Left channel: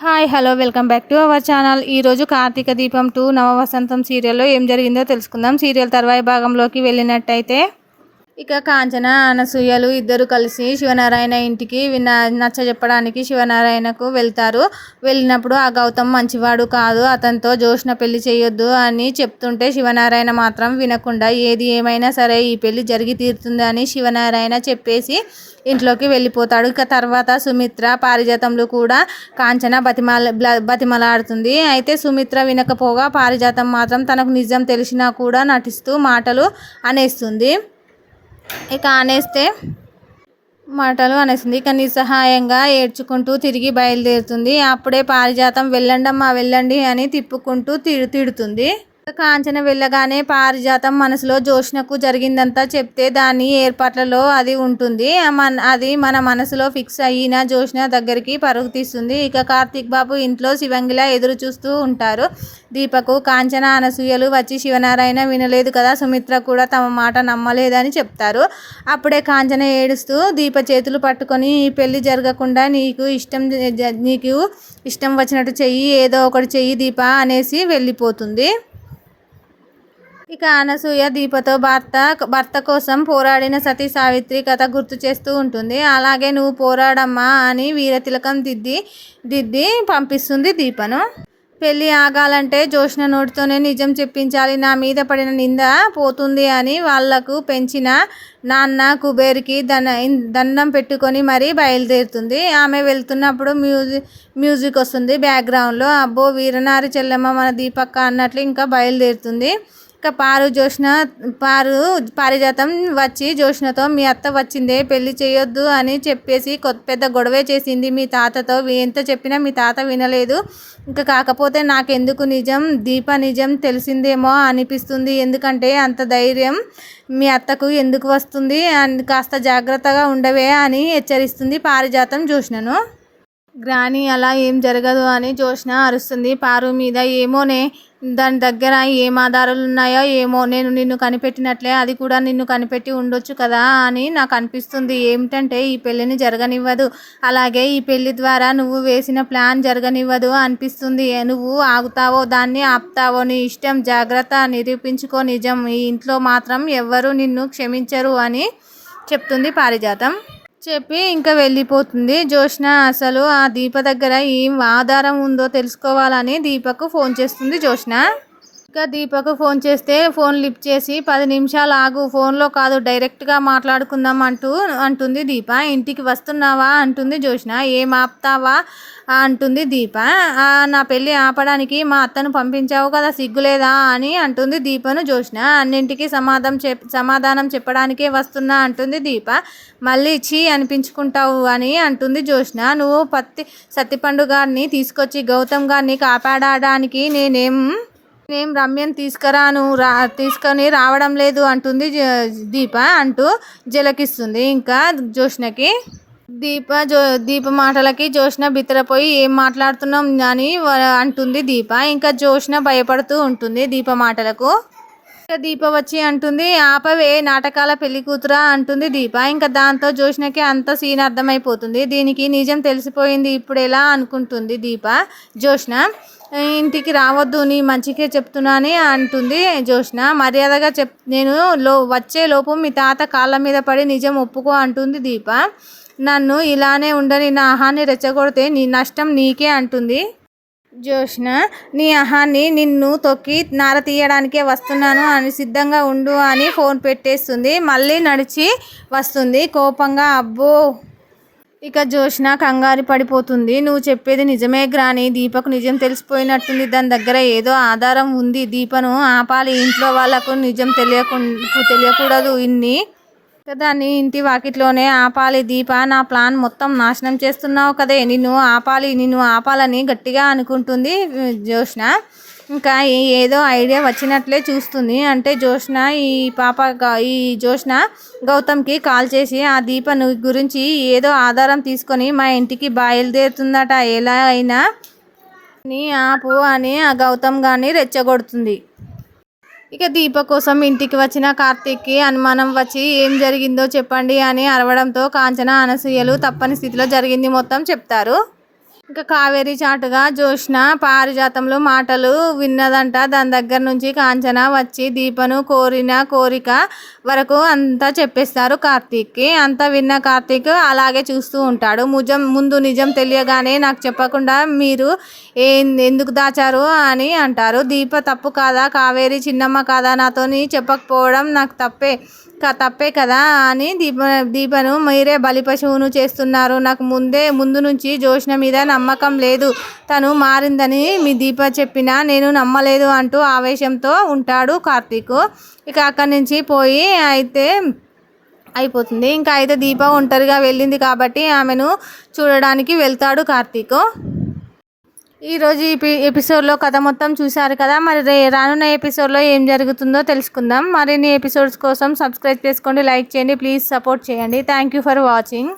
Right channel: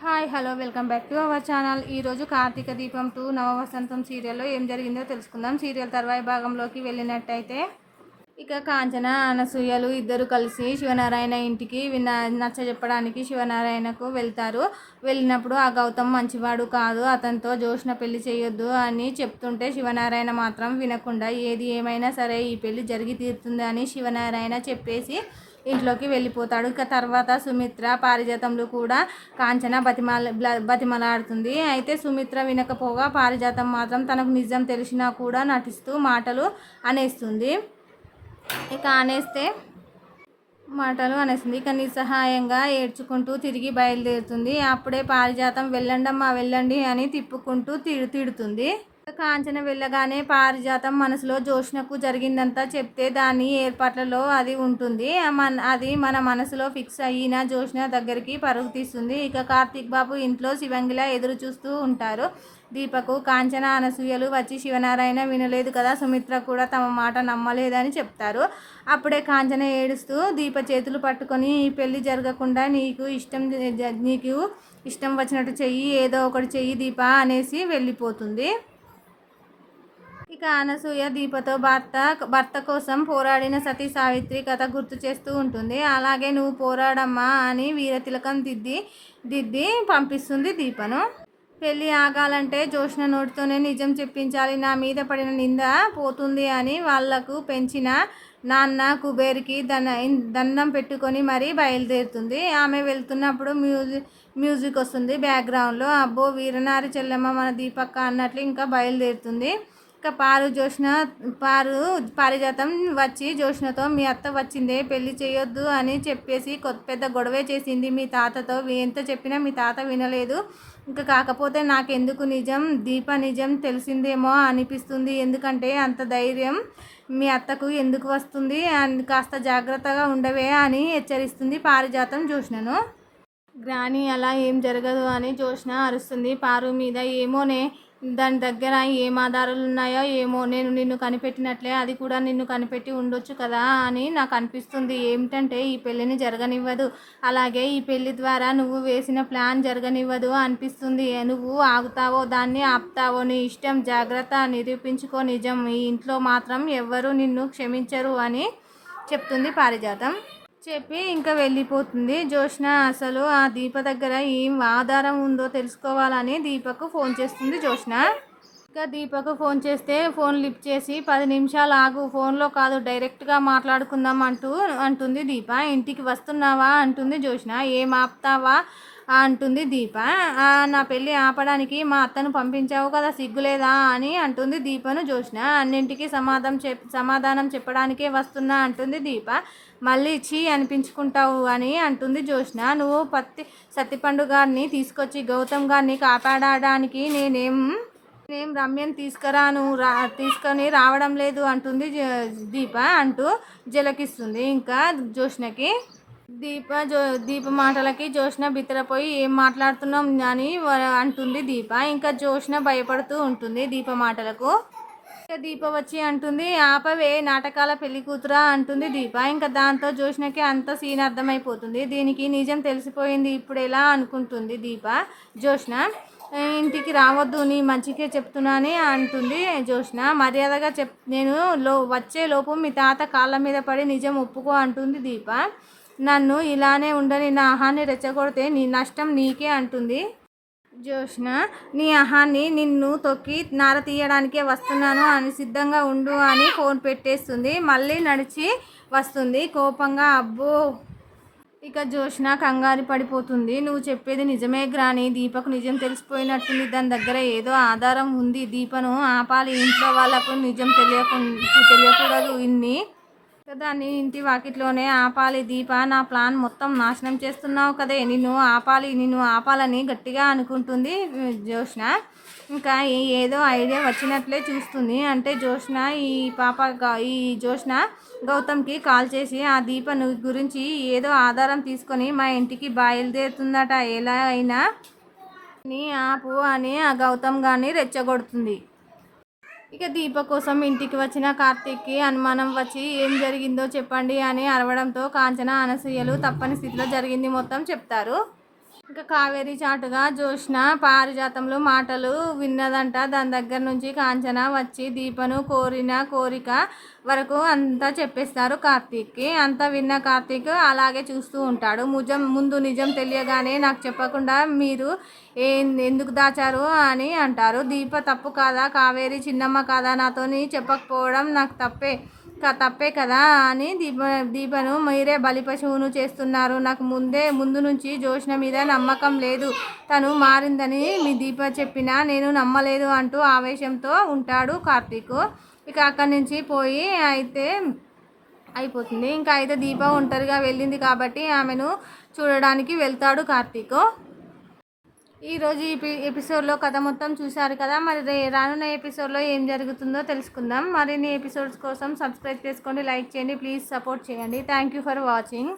Hi hello welcome back to our channel. ఈరోజు కార్తీక దీపం 2 నవవసంతం సీరియల్లో ఏం జరిగిందో తెలుసుకుందాం. సీరియల్ తర్వాయి భాగంలోకి వెళ్ళినట్టయితే ఇక కాంచన అనసూయలు ఇద్దరు కలిసి శివనారాయణ ఇంటికి నచ్చజెప్పడానికి శివనారాయణకు వెళ్తారు. వెళ్ళినప్పుడు ఆ గౌతమ్ మంచివాడు కాదు, అతనితో జోష్న పెళ్లి చేయొద్దు అని చెప్తుంటే శివనారాయణ మాత్రం వినకుండా ఏది ఏమైనా సరే ఈ పెళ్లి జరిగి తీరుతుంది అని శివనారాయణ చెప్పేసి ఇంట్లోకి వెళ్ళిపోతాడు. ఇక తర్వాత సుమిత్ర పారిజాతంలో కూడా కాంచన బతిమలాడుతుంది. అయితే సుమిత్ర వినకపోగా పారిజాతం మాత్రం తనకు నిజం తెలిసినా కూడా నటిస్తూ మాటలు అనేస్తుంది. ఇక నిస్సహాయంగా ఏడ్చుకుంటూ తిరిగి బయలుదేరుతుంది. అప్పుడే పారిజాతం వెళ్ళండమ్మా వెళ్ళండి అని తిప్పుకుంటూ తిడుతుంది. కాంచన వెళ్ళగానే పారిజాతం మనసులో జోష్నకు జరిగిందంతా చెప్తే దాని ఏర్పాట్లలో అది ఉంటుంది. అది మన మనసులో ఫిక్స్ అయిన జోష్న దగ్గరికి పరుగు తీస్తుంది. ఇక కార్తీక్ బాబు ఇంట్లో శివంగిలా ఎదురు చూస్తూ ఉంటారు. దీపకు కాంచన అనసూయలు వచ్చి శివనారాయణ వినలేదు కదా, సుమిత్ర కూడా తమ మాట నమ్మలేదని చెప్తారు. అప్పుడే కాంచన ఏడుస్తూ దీప చేతులు పట్టుకొని ఈ పెళ్లి జరగకుండా నీకు ఇష్టం వచ్చినట్టు చెయ్యి, ఏదో ఒకటి చెయ్యి దీప అనేసి వెళ్ళిపోతుంది. ఇక అనసూయ దీపతో భర్త కోసం పోరాడిన సతీ సావిత్రి కథ గుర్తు చేస్తూ ఉంటుంది. అలాగే నువ్వు పోరాడమ్మా అని వీరతిలకం దిద్ది పంపిస్తుంది దీపను. పెళ్ళి ఆగాలంటే జోష్న నోటితోనే నిజం చెప్పించాలి, నా మీద పడిన నింద పోతుంది అని వాళ్లకు పెంచిన నాన్న కుబేర్కి దండం పెట్టుకొని మరీ బయలుదేరుతుంది. ఆమె వెళ్తున్నప్పుడు మ్యూజిక్ వస్తుంది బ్యాక్గ్రౌండ్లో. అబ్బో వీరనారి చెల్లెమ్మ మన దీపక్క అన్నట్లు ఇంకా బయలుదేరుతుంది. ఇక పారిజాతం వచ్చి జోష్నతో మీ అత్త వచ్చిందే పెళ్లి చేయొద్దు అని చెప్పేసి పెద్ద గొడవే చేసింది మీ తాతతో, ఎంత చెప్పినా మీ తాత వినలేదు. ఇంకా కాకపోతే నాకెందుకు దీప నిజం తెలిసిందేమో అనిపిస్తుంది, ఎందుకంటే అంత ధైర్యం మీ అత్తకు ఎందుకు వస్తుంది, కాస్త జాగ్రత్తగా ఉండవే అని హెచ్చరిస్తుంది పారిజాతం జోష్నను. గ్రాని అలా ఏం జరగదు అని జోష్న అరుస్తుంది పారు మీద. ఏమోనే, దాని దగ్గర ఏం ఆధారాలు ఉన్నాయో ఏమో, నేను నిన్ను కనిపెట్టినట్లే అది కూడా నిన్ను కనిపెట్టి ఉండొచ్చు కదా అని నాకు అనిపిస్తుంది. ఏమిటంటే ఈ పెళ్ళిని జరగనివ్వదు, అలాగే ఈ పెళ్లి ద్వారా నువ్వు వేసిన ప్లాన్ జరగనివ్వదు అనిపిస్తుంది. నువ్వు ఆగుతావో దాన్ని ఆపుతావో నీ ఇష్టం, జాగ్రత్త, నిరూపించుకో నిజం, ఈ ఇంట్లో మాత్రం ఎవ్వరూ నిన్ను క్షమించరు అని చెప్తుంది పారిజాతం. చెప్పి ఇంకా వెళ్ళిపోతుంది. జోష్న అసలు ఆ దీప దగ్గర ఏం ఆధారం ఉందో తెలుసుకోవాలని దీపకు ఫోన్ చేస్తుంది జోష్న. ఇంకా దీపకు ఫోన్ చేస్తే ఫోన్ లిఫ్ట్ చేసి 10 నిమిషాలు ఆగు, ఫోన్లో కాదు డైరెక్ట్గా మాట్లాడుకుందాం అంటుంది దీప. ఇంటికి వస్తున్నావా అంటుంది జోష్న. ఏం ఆపుతావా అంటుంది దీప. నా పెళ్ళి ఆపడానికి మా అత్తను పంపించావు కదా, సిగ్గులేదా అని అంటుంది దీపను జోష్న. అన్నింటికి సమాధానం చెప్పడానికే వస్తున్నా అంటుంది దీప. మళ్ళీ ఇచ్చి అనిపించుకుంటావు అని అంటుంది జోష్న. నువ్వు సత్తిపండు గారిని తీసుకొచ్చి గౌతమ్ గారిని కాపాడడానికి నేనేం రమ్యను తీసుకొని రావడం లేదు అంటుంది దీప అంటూ జలకిస్తుంది ఇంకా జోష్నకి. దీప మాటలకి జోష్న బిత్తరపోయి ఏం మాట్లాడుతున్నాం అని అంటుంది దీప. ఇంకా జోష్న భయపడుతూ ఉంటుంది దీప మాటలకు. ఇంకా దీప వచ్చి అంటుంది ఆపవే నాటకాల పెళ్లి కూతురా అంటుంది దీప. ఇంకా దాంతో జోష్నకి అంత సీన్ అర్థమైపోతుంది. దీనికి నిజం తెలిసిపోయింది ఇప్పుడు ఎలా అనుకుంటుంది దీప. జోష్న ఇంటికి రావద్దు, నీ మంచికే చెప్తున్నాని అంటుంది జోష్న. మర్యాదగా నేను వచ్చే లోపు మీ తాత కాళ్ళ మీద పడి నిజం ఒప్పుకో అంటుంది దీప. నన్ను ఇలానే ఉండని నా అహాన్ని రెచ్చగొడితే నీ నష్టం నీకే అంటుంది జోష్న. నీ అహాన్ని నిన్ను తొక్కి నార తీయడానికే వస్తున్నాను అని సిద్ధంగా ఉండు అని ఫోన్ పెట్టేస్తుంది. మళ్ళీ నడిచి వస్తుంది కోపంగా. అబ్బో, ఇక జోష్న కంగారు పడిపోతుంది. నువ్వు చెప్పేది నిజమే గ్రాని, దీపకు నిజం తెలిసిపోయినట్టుంది, దాని దగ్గర ఏదో ఆధారం ఉంది, దీపను ఆపాలి, ఇంట్లో వాళ్ళకు నిజం తెలియకూడదు, దాన్ని ఇంటి వాకిట్లోనే ఆపాలి. దీప నా ప్లాన్ మొత్తం నాశనం చేస్తున్నావు కదే, నిన్ను ఆపాలని గట్టిగా అనుకుంటుంది జోష్న. ఇంకా ఏదో ఐడియా వచ్చినట్లే చూస్తుంది. అంటే ఈ జోష్న గౌతమ్కి కాల్ చేసి ఆ దీప గురించి ఏదో ఆధారం తీసుకొని మా ఇంటికి బయలుదేరుతుందట, ఎలా అయినా నీ ఆపు అని ఆ గౌతమ్ గారిని రెచ్చగొడుతుంది. ఇక దీప కోసం ఇంటికి వచ్చిన కార్తీక్కి అనుమానం వచ్చి ఏం జరిగిందో చెప్పండి అని అరవడంతో కాంచన అనసూయలు తప్పని స్థితిలో జరిగింది మొత్తం చెప్తారు. ఇంకా కావేరి చాటుగా జ్యోత్స్న పారిజాతంలో మాటలు విన్నదంట. దాని దగ్గర నుంచి కాంచన వచ్చి దీపను కోరిన కోరిక వరకు అంతా చెప్పేస్తారు కార్తీక్కి. అంతా విన్న కార్తీక్ అలాగే చూస్తూ ఉంటాడు. ముందు నిజం తెలియగానే నాకు చెప్పకుండా మీరు ఎందుకు దాచారు అని అంటారు. దీప తప్పు కాదా, కావేరి చిన్నమ్మ కాదా, నాతోని చెప్పకపోవడం నాకు తప్పే కదా అని దీపను మీరే బలి పశువును చేస్తున్నారు. నాకు ముందు నుంచి జ్యోత్స్న మీద నమ్మకం లేదు. తను మారిందని మీ దీప చెప్పినా నేను నమ్మలేదు అంటూ ఆవేశంతో ఉంటాడు కార్తీక్. ఇక అక్కడి నుంచి పోయి అయిపోతుంది. ఇంకా అయితే దీప ఒంటరిగా వెళ్ళింది కాబట్టి ఆమెను చూడడానికి వెళ్తాడు కార్తీక్. ఈరోజు ఎపిసోడ్లో కథ మొత్తం చూశారు కదా. మరి రానున్న ఎపిసోడ్లో ఏం జరుగుతుందో తెలుసుకుందాం. మరిన్ని ఎపిసోడ్స్ కోసం సబ్స్క్రైబ్ చేసుకోండి, లైక్ చేయండి, ప్లీజ్ సపోర్ట్ చేయండి. Thank you for watching.